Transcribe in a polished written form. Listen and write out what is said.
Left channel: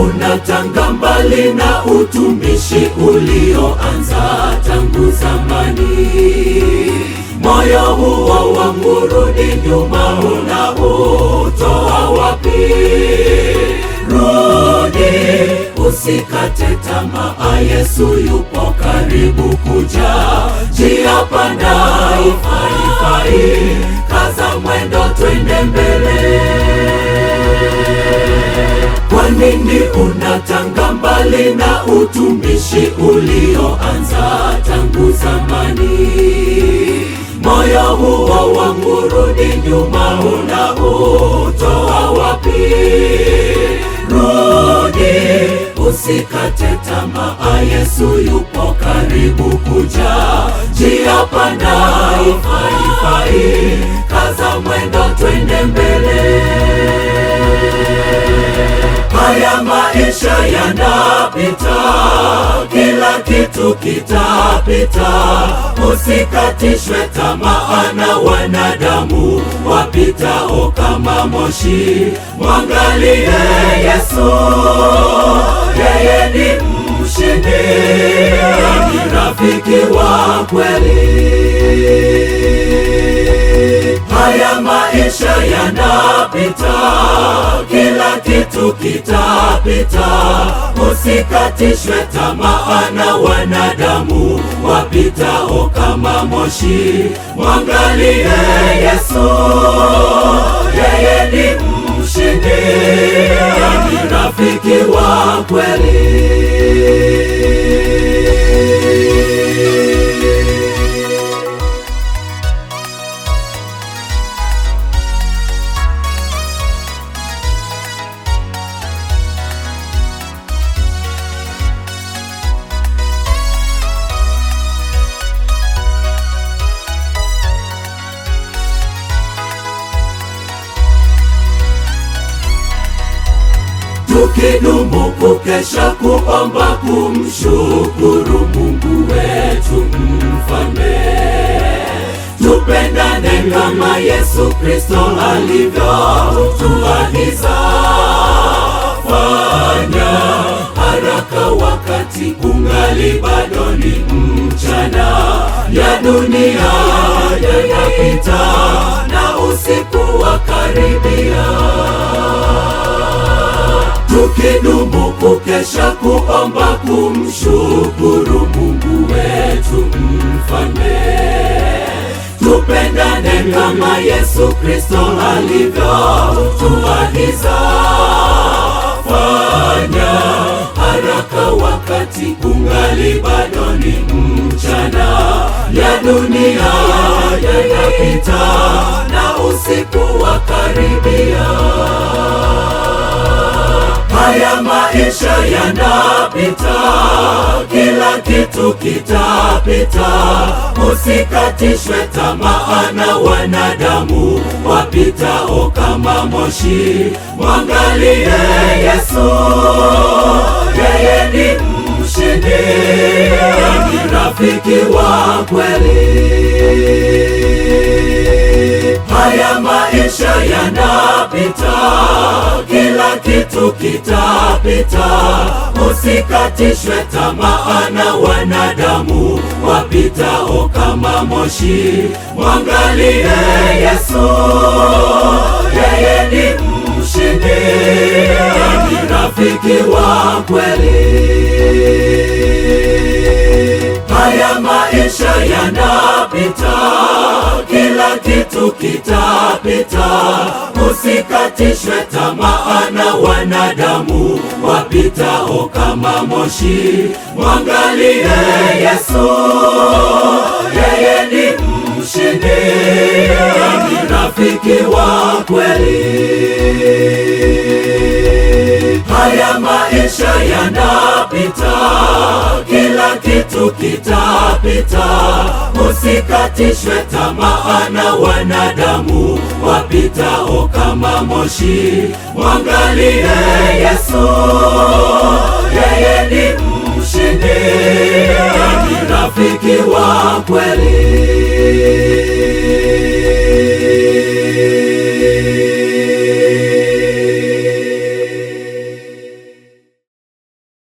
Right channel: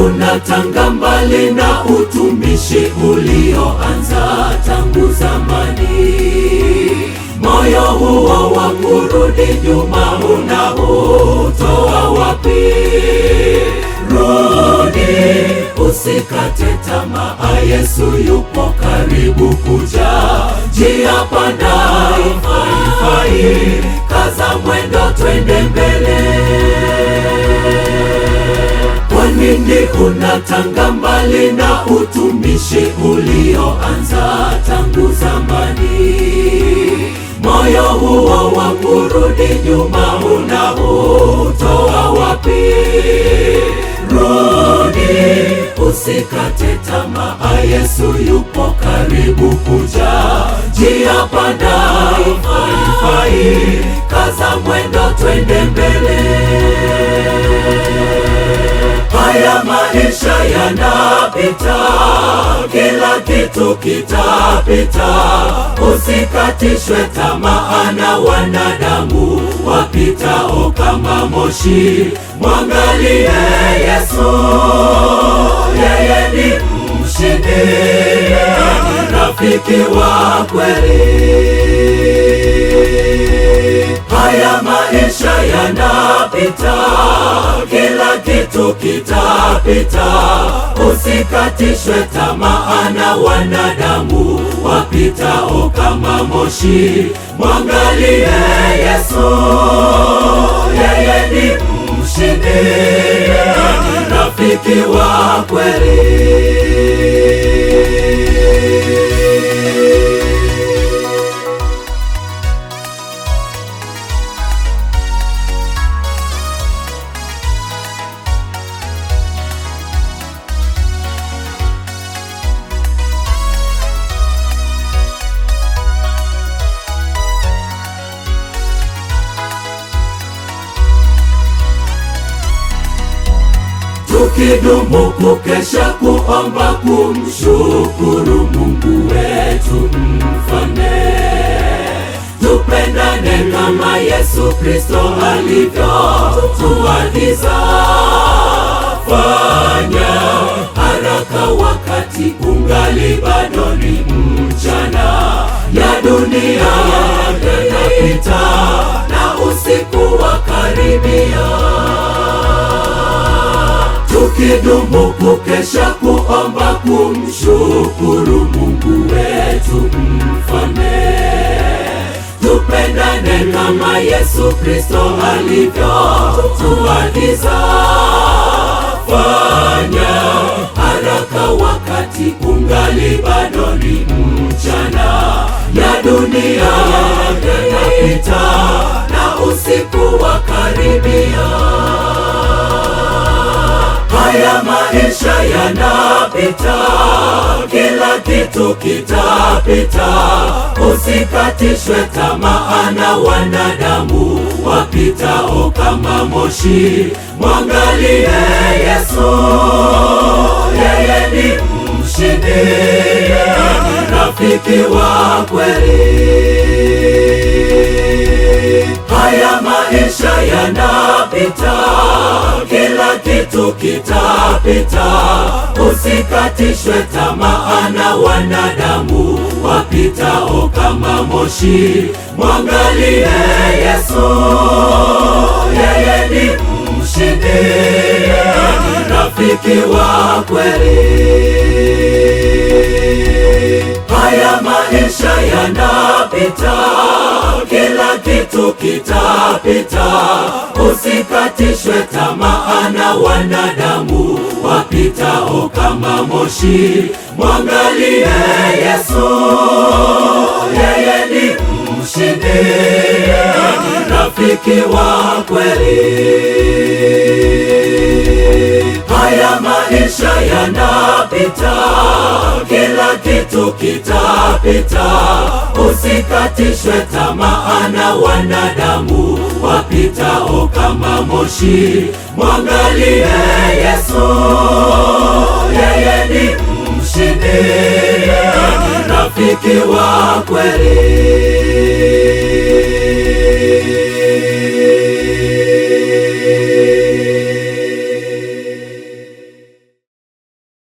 unatanga mbali na utumishi ulioanza tangu zamani. Moyo huo wa kurudi nyuma unautoa wapi? Rudi, usikate tamaa, Yesu yupo karibu kuja. Njia panda haifai, kaza mwendo, twende mbele. Kwa nini unatanga mbali na utumishi ulioanza tangu zamani? Moyo huo wa kurudi nyuma unautoa wapi? Rudi, usikate tamaa, Yesu yupo karibu kuja. Njia panda haifai, kaza mwendo, twende mbele. Haya maisha yanapita, kila kitu kitapita. Usikatishwe tamaa na wanadamu wapitao kama moshi. Mwangalie Yesu, yeye ni mshindi, ni rafiki wa kweli. Haya maisha yanapita, kila kitu kitapita. Usikatishwe tamaa na wanadamu wapitao kama moshi. Mwangalie Yesu, yeye ni mshindi, ni rafiki wa kweli. Tukidumu kukesha, kuomba, kumshukuru Mungu wetu Mfalme. Tupendane kama Yesu Kristo alivyotuagiza. Fanya haraka wakati ungali bado ni mchana. Ya dunia yanapita na usiku wakaribia. Tukidumu kukesha, kuomba, kumshukuru Mungu wetu Mfalme. Tupendane kama Yesu Kristo alivyotuagiza. Fanya haraka wakati ungali bado ni mchana. Ya dunia yanapita na usiku wakaribia. Haya maisha yanapita, kila kitu kitapita. Usikatishwe tamaa na wanadamu wapitao kama moshi. Mwangalie Yesu, yeye ni mshindi, ni rafiki wa kweli. Haya maisha yanapita, kila kitu kitapita. Usikatishwe tamaa na wanadamu wapitao kama moshi. Mwangalie Yesu, yeye ni mshindi, ni rafiki wa kweli. Haya maisha yanapita, kila kitu kitapita. Usikatishwe tamaa na wanadamu wapitao kama moshi. Mwangalie Yesu, yeye ni mshindi, ni rafiki wa kweli. Haya maisha yanapita, kila kitu kitapita. Usikatishwe tamaa na wanadamu wapitao kama moshi. Mwangalie Yesu, yeye ni mshindi, ni rafiki wa kweli.